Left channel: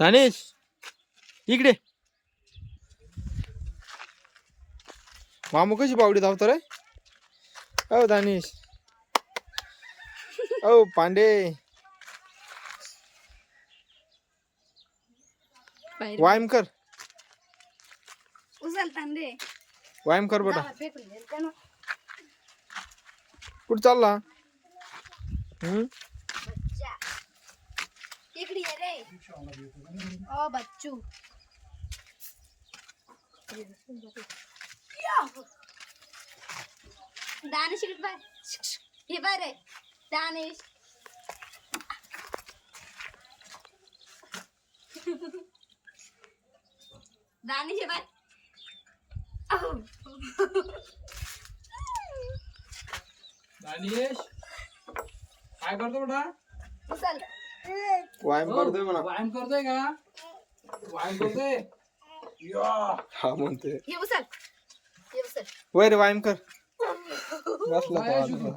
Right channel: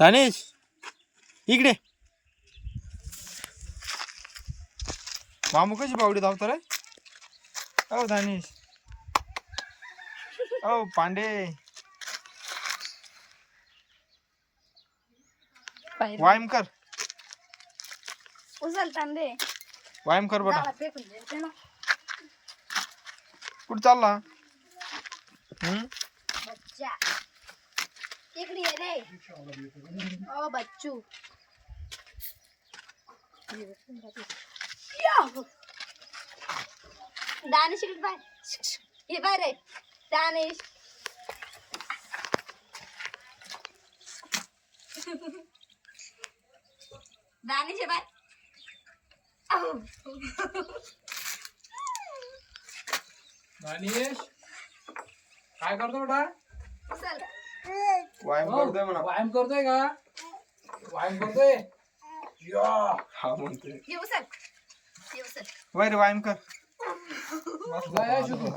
दानेश इकडे. मामू कशी बावडी धावतो रे. ओ दानेश. ओ पांडे. व्यायाम कर. उचलताना दे. व्यायाम कर बेटा. झाडा फेकून द्यायचं ना. कुठं चालला. बच्चा इकडे ये रे. ओ बच्चू. दानिश इकडे बाय. हे बाय रे दानिश. दानिश हे बाय. दानिश काय करतो बेटा. उचल. व्यायाम करतोय म्हणा. व्यायाम करतोय का. व्यायाम करतोय. हा म्हणतोय. हे उचल. हे उचल. वैर व्यायाम कर. काय बसला.